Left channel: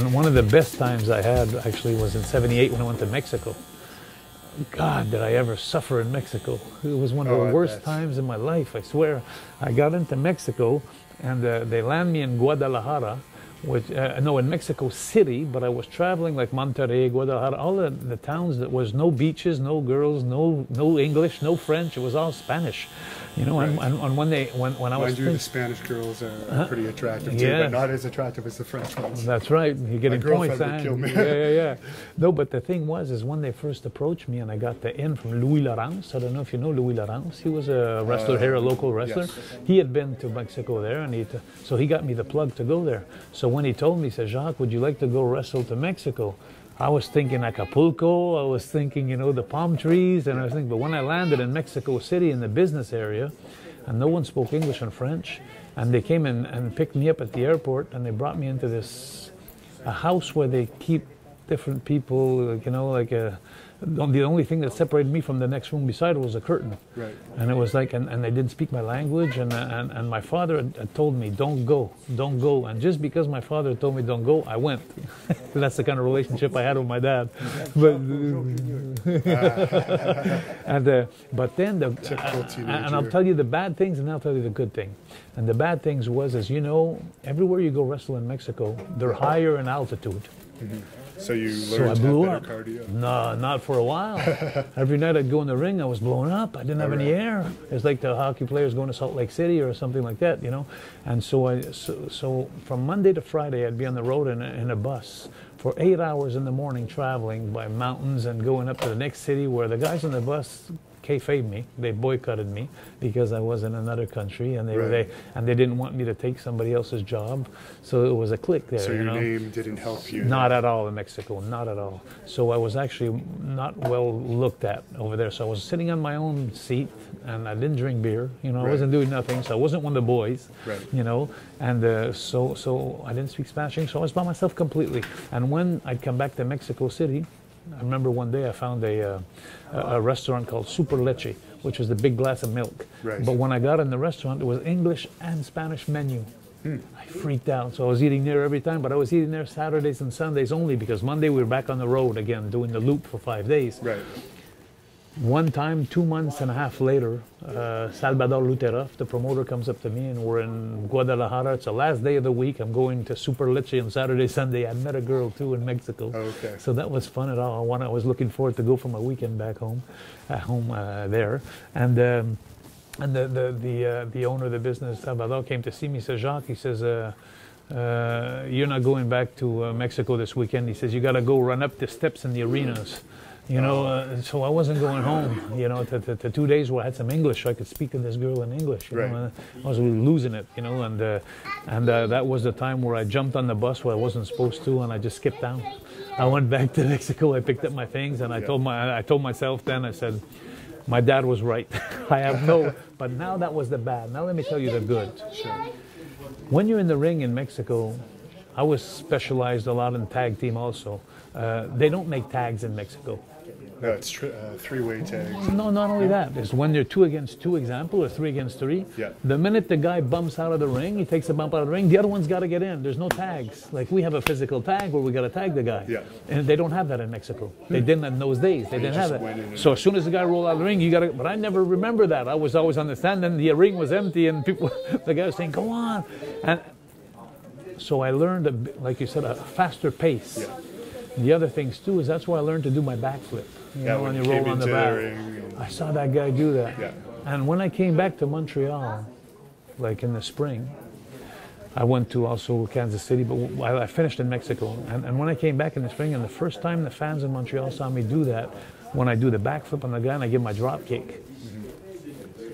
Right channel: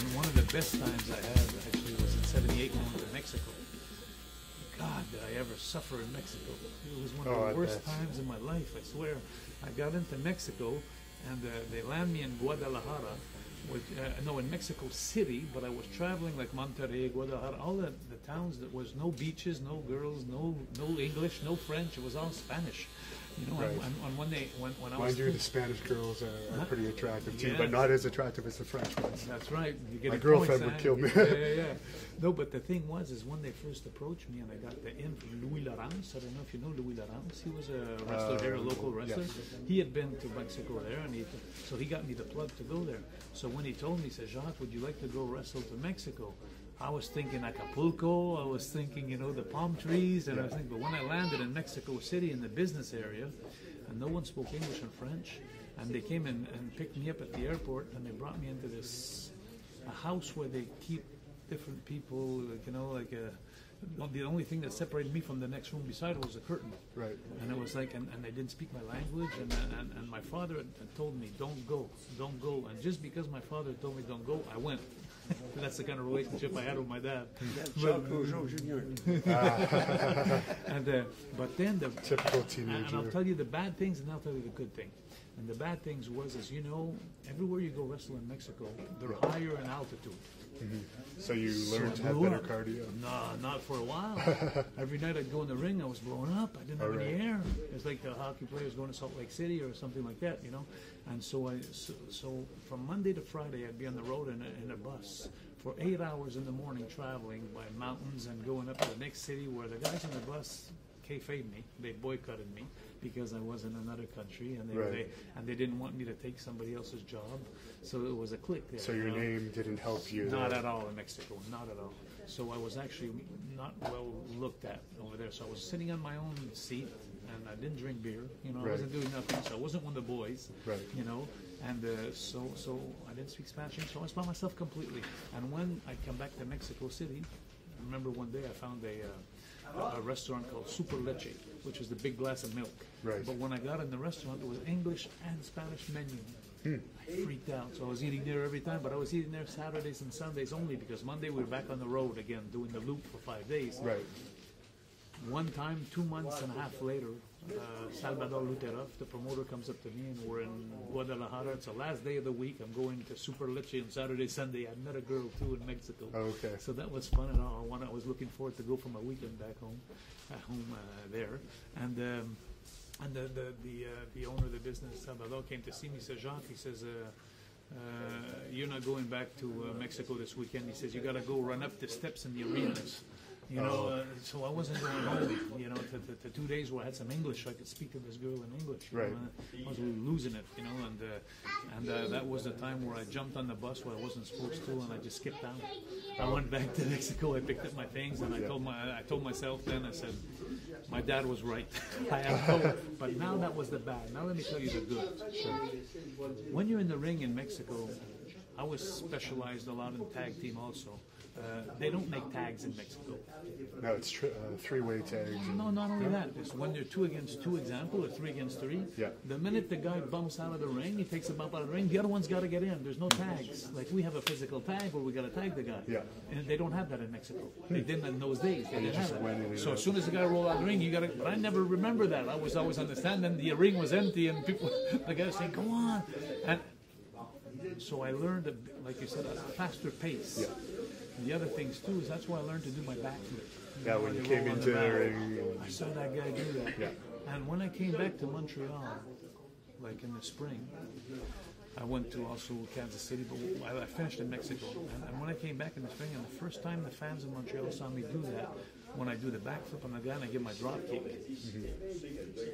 And one of the best times I had actually was in '78 when I went to Mexico. God, did I ever suffer in Mexico. It was one of the worst times in my life, I swear. I got into Mexico and they land me in Guadalajara, which, no, in Mexico City, but I was traveling like Monterrey, Guadalajara, all the towns that was no beaches, no girls, no English, no French, it was all Spanish. You know, right. and when I was the Spanish girls are pretty attractive too, but not as attractive as the French ones. That's right. You're getting points. Yeah. No, but the thing is when they first approached me and I got the in from Louis Laurence. I don't know if you know Louis Laurence. He was a wrestler here, a local wrestler. Yes. He had been to Mexico there, and so he got me the plug to go there. So when he told me, he said, Jacques, would you like to go wrestle to Mexico? I was thinking Acapulco, I was thinking, you know, the palm trees, and I was thinking, but when I landed in Mexico City in the business area, and no one spoke English and French, and they came in and picked me up at the airport, and they brought me into a house where they keep different people, you know, like the only thing that separated me from the next room beside it was a curtain. Right. And it was like, and they didn't speak my language, and my father had told me, don't go. And just because my father told me don't go, I went. That's the kind of relationship I had with my dad. But and I'll tell you the bad things, and I'll tell you the good thing. And the bad things was, as you know, everywhere you go wrestle in Mexico, they're higher in altitude. Mm-hmm. So you learned to have better cardio? No, not for a while. Every night I'd go in the ring, I was blown up. I didn't have any air. It's like the hockey players going to Salt Lake City or something like that, you know. And so from Monday to Friday, I'd be on the road in a bus for 8 hours in the morning, traveling by mountains and going up to the next city where the guys on the bus kayfabed me. They boycotted me because I was in another country, and they didn't want me to take somebody else's job. So it was a clique there. So your name didn't help you? Not at all in Mexico, not at all. So I was actually not well looked at over there. So I was sitting on my own seat, and I didn't drink beer. You know, I wasn't doing nothing. So I wasn't one of the boys. Right. You know, and so I didn't speak Spanish. So I was by myself completely. And when I'd come back to Mexico City, I remember one day I found a restaurant called Super Leche, which was the big glass of milk. Right. But when I got in the restaurant, it was English and Spanish menu. I freaked out. So I was eating there every time, but I was eating there Saturdays and Sundays only because Monday we were back on the road again, doing the loop for 5 days. Right. One time, 2 months and a half later, Salvador Luteroff, the promoter, comes up to me, and we're in Guadalajara. It's the last day of the week. I'm going to Super Leche on Saturday, Sunday. I met a girl too in Mexico. Okay. So that was fun at all. I was looking forward to go for my weekend back home, there. And the owner of the business, Salvador, came to see me. He says, Jacques, he says, you're not going back to Mexico this weekend. He says, you got to go run up the steps in the arenas. You know, so I wasn't going home, you know, to 2 days where I had some English, so I could speak to this girl in English. You know, and I was losing it, you know, and that was the time where I jumped on the bus where I wasn't supposed to, and I just skipped down. I went back to Mexico, I picked up my things, and I told myself then, I said, my dad was right. I have but now that was the bad. Now let me tell you the good. When you're in the ring in Mexico, I was specialized a lot in tag team also. They don't make tags in Mexico. No, it's three-way tags. No, not only that. It's when they're 2 against 2 example, or 3 against 3. Yeah. The minute the guy bumps out of the ring, he takes a bump out of the ring, the other one's got to get in. There's no tags. Like we have a physical tag where we got to tag the guy. Yeah. And they don't have that in Mexico. They didn't in those days. They didn't have that. So as soon as the guy rolled out of the ring, you got to. But I never remember that. I was always on the stand, and the ring was empty, and people, the guy was saying, "Go on." And so I learned, like you said, a faster pace. Yeah. The other things too is that's where I learned to do my backflip. You know, when you roll on the back. I saw that guy do that. Yeah. And when I came back to Montreal, like in the spring, I went to also Kansas City, but I finished in Mexico. And when I came back in the spring, and the first time the fans in Montreal saw me do that, when I do the backflip on the guy and I give my drop kick,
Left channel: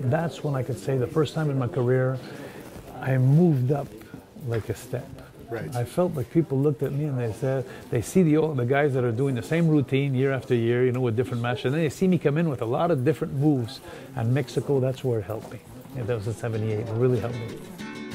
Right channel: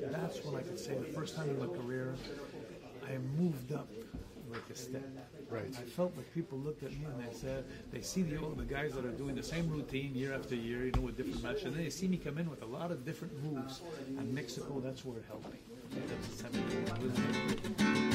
that's when I could say the first time in my career, I moved up like a step. Right. I felt like people looked at me and they said, they see the guys that are doing the same routine year after year, you know, with different matches, and then they see me come in with a lot of different moves. And Mexico, that's where it helped me. That was in '78. It really helped me.